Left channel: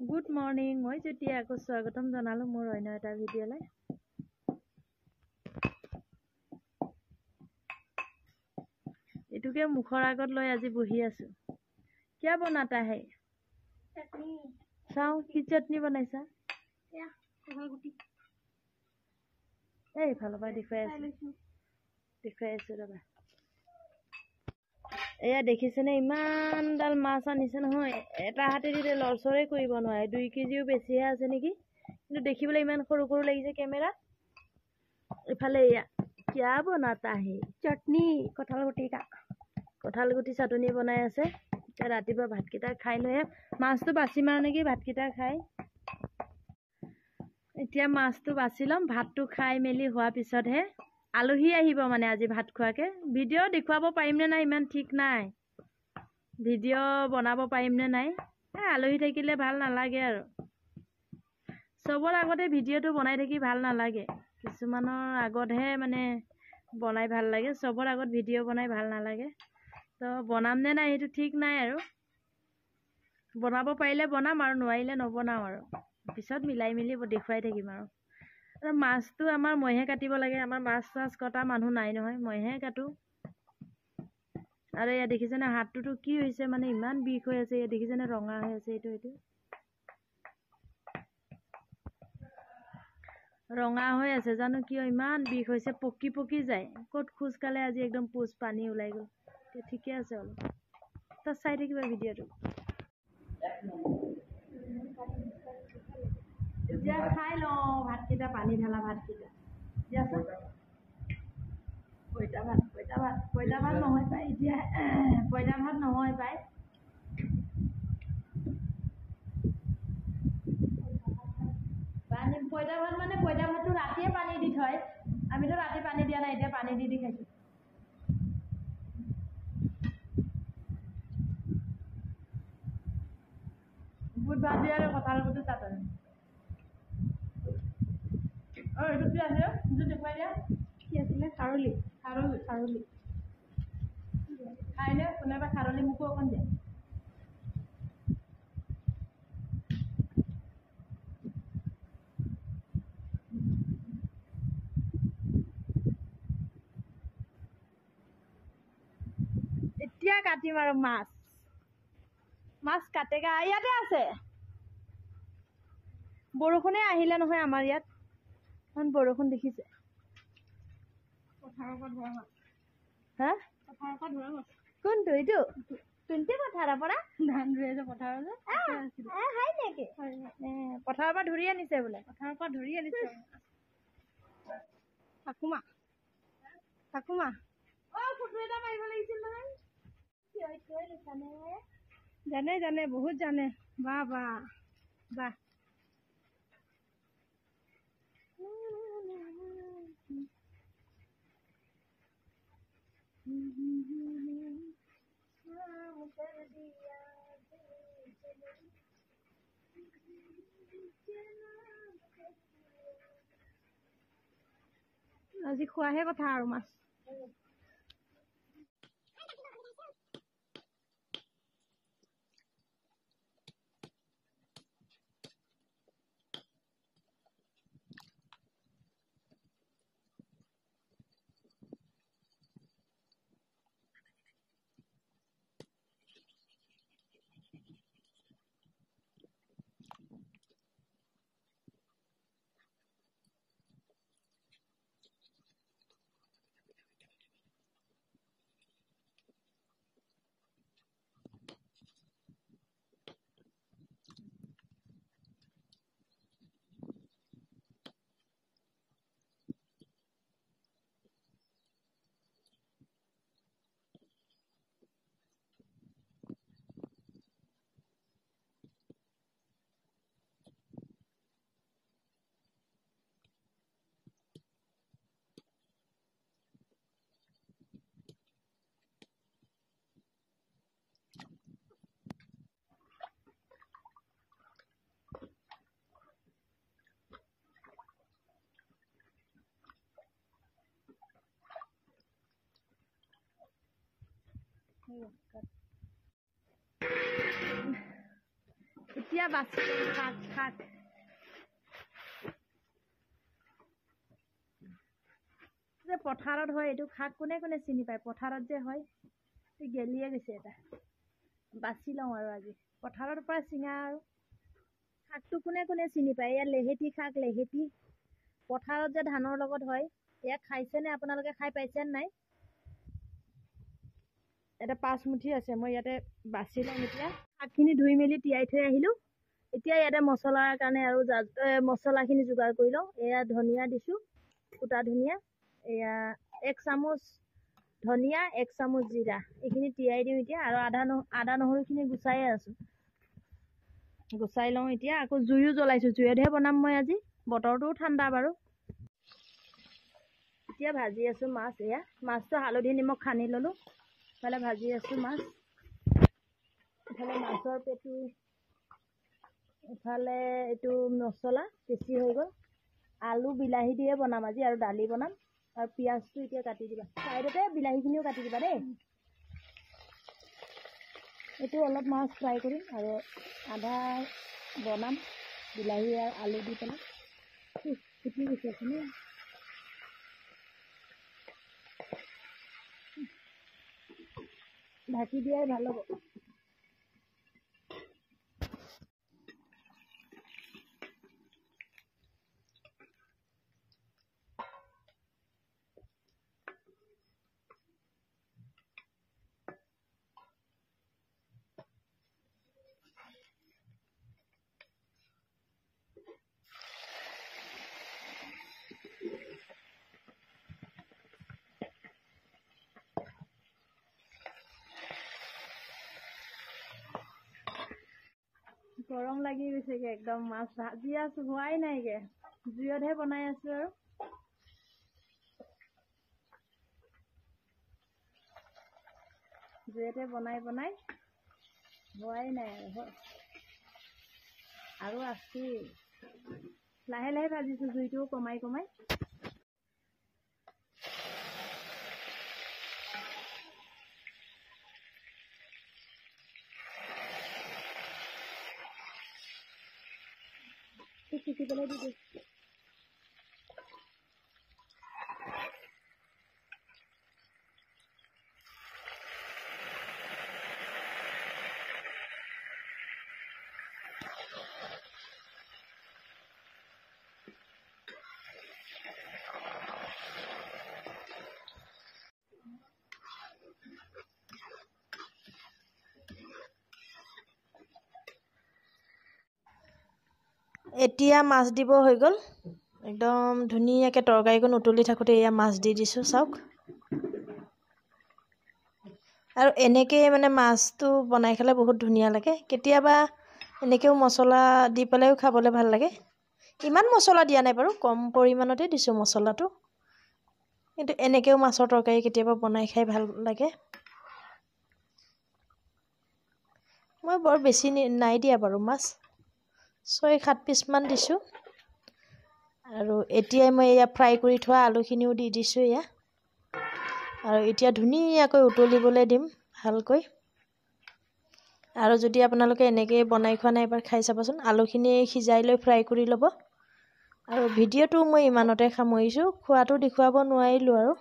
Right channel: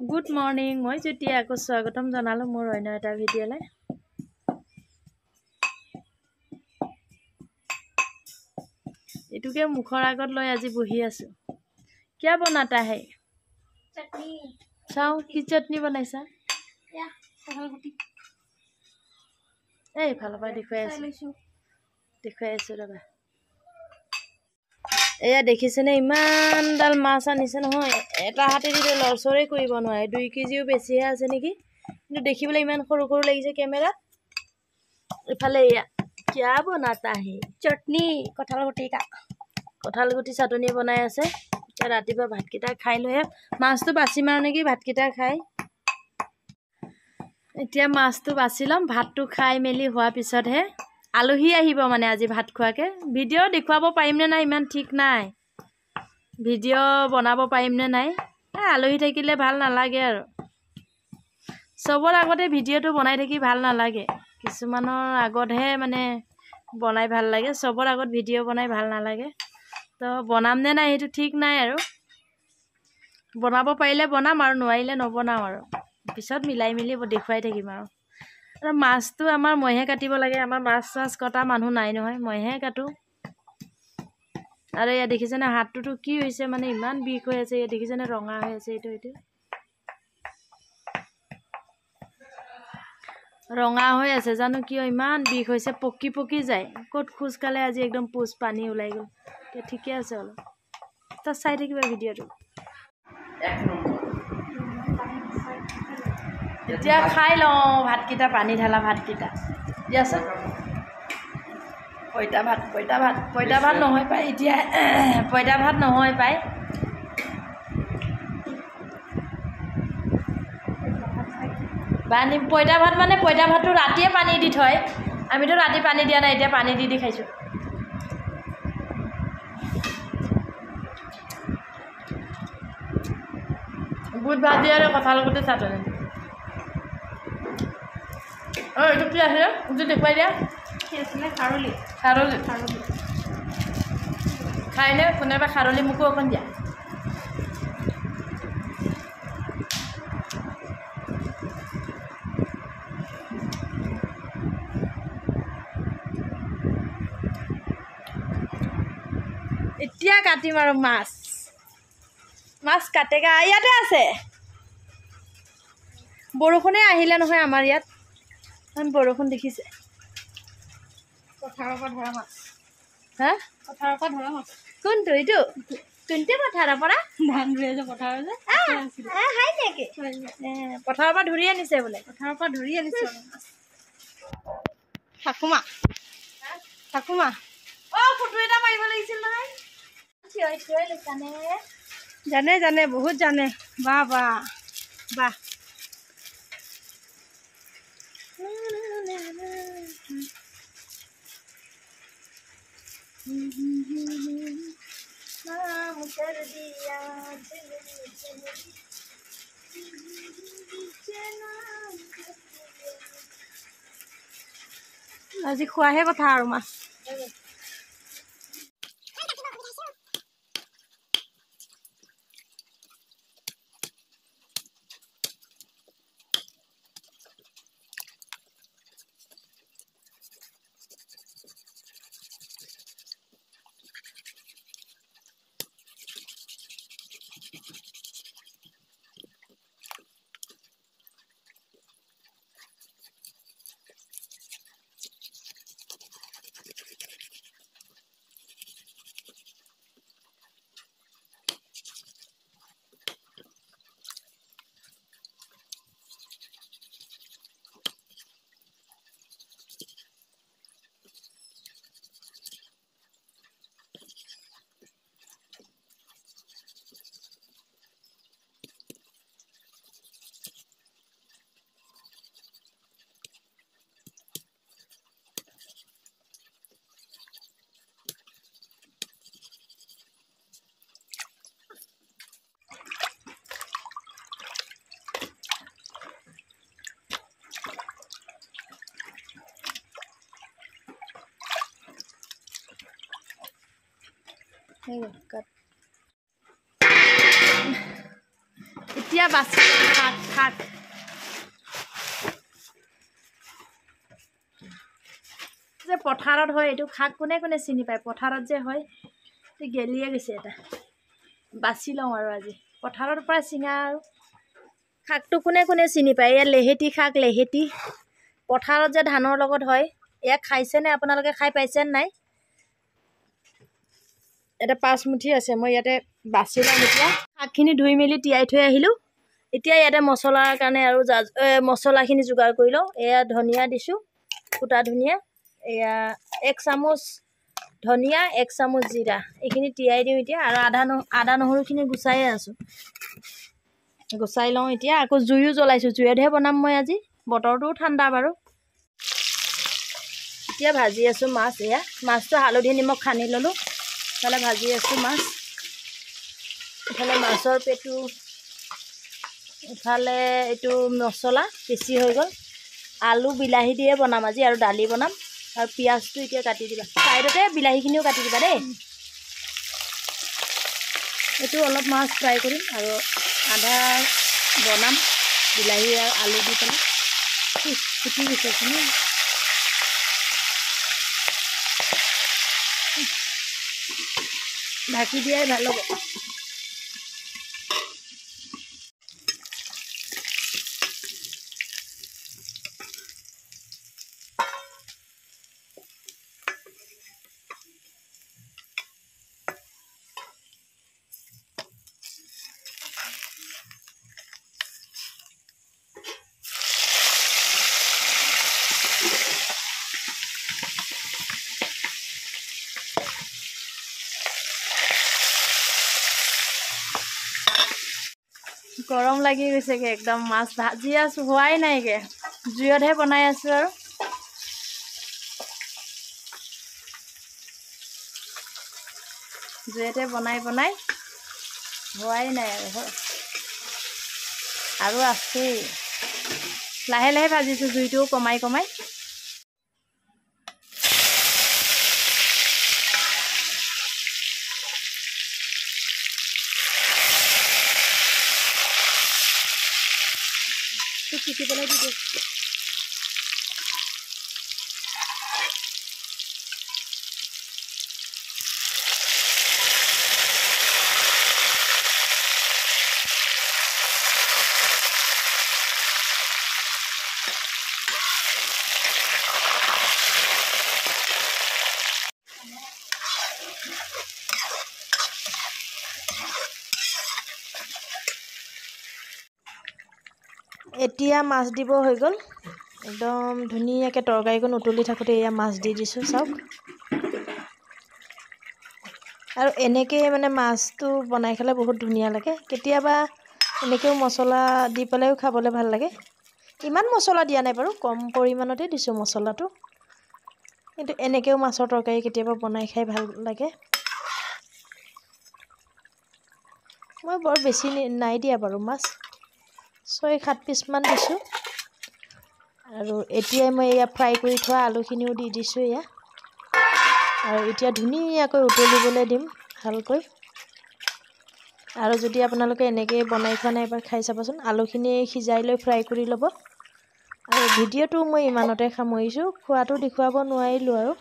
good morning মই যেতিয়া আকৌ স্বাগতম জনালো মোৰ অন্য এটা ভিডিঅ'লৈ এটুকে মুখৰ আগত লৈ আজি বহি আছো क्या बनाता है चटनी চাও কি চটনি বনাইছা या कटहलगुटी এই ভালো পাই দেখুৱাই আছো ৰবা এয়া দেখিছেনে ইমান ডাল মাছ আনিছে নহয় এটা হাতে দি লৰচৰে কৰিব নোৱাৰে 2 কেজিও বেছিহে আছে নেকি কিন্তু দেখিবলৈ ইমান সৰু সৰু লাগিছে কেমেৰা ইফালে এয়া क्या बनाता है चटनी कटहलगुटी का কঁঠালগুটি চাটনি বনাই আছে এতিয়া ৰাতিপুৱা ভাতকেইটা খাই লৈহে মাছটো বাছি মাৰো নেকি ভাতকেইটা খাই এতিয়া মাছটো বাছি লম ভাতটো খাই মেলি হোৱাৰ পিছতহে আলহী আহিব মানে আজি ভাত খোৱাকে ভিডিঅ' দেখুৱাব পাৰিম নে নাই ইমান ঠিক নাই ভিডিঅ' বনাব পাৰিম নে নাই আলহী থাকিলে ভাল নালাগে আৰু সবৰ আগতে ভিডিঅ'টো বনাই থাকি ভাল নালাগে কিছুমানৰ আগতহে মানে বনাই ভাল লাগে সবৰ আগত ভিডিঅ' বনাই ভাল নালাগে তো বনাম নে নাই সেইটো ঠিক নাই আৰু বনাব পাৰিলে বনাম আৰু নোৱাৰিলে নবনাও আৰু পিছত মিলাই মিলি দেখুৱাই থাকিম আৰু মাছটো আমাৰ মইহে কাটিব লাগে আমাৰ মাছ চাছ কটা মানুহ নাই নহয় মইহে কাটো আৰু এয়া দেখিছেনে হাতটো কি হৈছে মানে ইমান বিষ হৈ আছে এয়া দেখিছেনে ৰঙা হৈ আছে এইটো ৰঙা হৈ আছে জানো কিয় ইমান বিষ হৈছে পকি পকি যায় ক'ত খুজকালে আজি একদম পুজ পানী ওলাই গ'ল তে ঠিকে আছে অলপ তো চাই থাকিবা ভিডিঅ'টো এতিয়া খাই লওঁ ভাতকেইটা পানী ঢালা ভাতকেইটা দিয়াচোন পঁইতা ভাত নহয় পাই এতিয়া পঁইতা ভাত নহয় পাই পানী পঁইতা ভাত মানে পঁইতা ভাতটো ৰাতিয়ে পানী দি থয় আমিতো ৰাতি পানী দিয়া নাই এতিয়া পানী দি খাইছোঁ বুট ভাজি আৰু কঁঠালগুটি চাটনি এইটো কি আছে এইটো দেখুৱাই দিয়া কি আছিলে খাৰলি খাইনে কোনোবা খাৰলি মোকো অকণ দিয়া এতিয়া কাটিম আৰু মাছ কাটেগা ইয়াতে আছে বৰষুণে আহিলে নহয় আমাৰ ইয়াত বৰষুণ দেখিছে পথাৰৰ পৰা ধৰা মাছ হা পথাৰৰ পৰা ধৰা মাছ কোনটো এইটো কোনটো পথাৰৰ পৰা ধান ৰুই আছে পথাৰৰ যে হাই নেকি পথাৰৰ পৰা ধৰি আনিছে বোলে পথাৰৰ পৰা ধৰি আনিছে ঠাকুমা ফটো এটা মাৰিব লাগিছিল নহয় জানে বহুত জানে বাহ আজি খোৱাহে কথা আৰু মাছ এতিয়া বাছি শাক শাক যে পথাৰত হয় এইটো শাক কোনে কোনে চিনি পায় পথাৰত যে হয় গেলিয়ে গৈছে এটা বাছি লওঁ আৰু আজি পথাৰৰ পৰা চিঙা আৰু শাকটো কোনে কোনে চিনি পায় এয়া লেহেতি শাক লেহেতি পথাৰত যে ধানৰ লগত হয় এয়া খাইছেনে আপোনালোকে খাই পাইছে নাই এটা 5 মুঠি আছে মই ইয়াতে বাছি লওঁ এতিয়া শাকখিনি ধুই মেলি তিয়াই থৈ আহিলোঁ এতিয়া ইয়াতে মছলাৰ কাৰণে আৰু মছলাখিনি যোগাৰ কৰি লওঁ এয়া ধনিয়া দিছোঁ কুটা ধনিয়া এয়া 1 চামুচ ধনিয়া 1 চামুচ জিৰা এইখিনি তিয়াই দিওঁ এতিয়া আৰু আদা নহৰুখিনি গুচাই আছোঁ গুচাই লওঁ এতিয়া আকৌ জুইও জ্বলাইছোঁ জুইতহে বনাম মই আজি বতৰটোও ঠাণ্ডা বাৰু এতিয়া ভাজি আছোঁ মাছ এয়া মাছটো হালধি নিমখ সানি ল'লোঁ ইফালে ভাজি আছোঁ মাছ ইফালে মাছৰ পেটু ইফালে এইটো মছলা বেছি হৈ গ'ল আলু বিলাহী দিয়ে বনাম আজি আৰু দালি বনাম আৰু পিঁয়াজটো এতিয়া কাটি দিবা চাইডতে বিলাহীখিনিও কাটি দিবা দেই এইটো অলপ মাছ ফ্ৰাই কৰিম আৰু আধা বনাম বিলাহী আৰু আলু দি পেলাই ফুটি গৈছে ঢাকি দিয়াই ভাল হ'ব গৰম লাগি গৈছেগে একদম মাছ ভাজি আছোঁ হোৱাই নাইগে জুইতহে বনাই আছোঁ আৰু জুইতে বনাই হোৱাই নাই আৰু আছেই লাহে লাহে ভাজিছোঁ জুইটোও কমাই পিচি পেলাই দি দিওঁ এতিয়া মাছ দিব হৈ গ'ল একদম ধুনীয়াকৈ তৰকাৰীখন উতলি থাকোঁতে এয়া মাছ দি দিছোঁ চাওক আৰু এনেকৈ মানে মাছটো বনাই খালে বহুত ধুনীয়া লাগে কেতিয়াবা এনেকৈও মছলা দি পেলাইও খাবলৈ ভাল লাগে ইমান মছলা দিয়া নাই বাৰু কম পৰিমাণতে দিছোঁ মছলাটো কিন্তু এনেকৈও মাছৰ তৰকাৰী কেতিয়াবা বনাই খাই ভাল লাগে মই বৰ বেছি নাই দিয়া বাৰু মাছ 6-7 পিচমান দিছোঁ আৰু এতিয়াই মই এয়া ফ্ৰাই কৰি থোৱা আলুখিনিও দি দিছোঁ এয়া আৰু এতিয়া ধুনীয়াকৈ উতলিবলৈ দিম ভালকৈ আৰু যদি আপোনালোকে এনেকৈ বনাই খোৱা নাই এবাৰ খাই চাবচোন আলুখিনি সিজাই লৈ ফ্ৰাই কৰি ল'ব আৰু ভিডিঅ'টো মই ইমানতে সামৰিছোঁ খোৱাটো দেখুৱাব নোৱাৰিলোঁ আৰু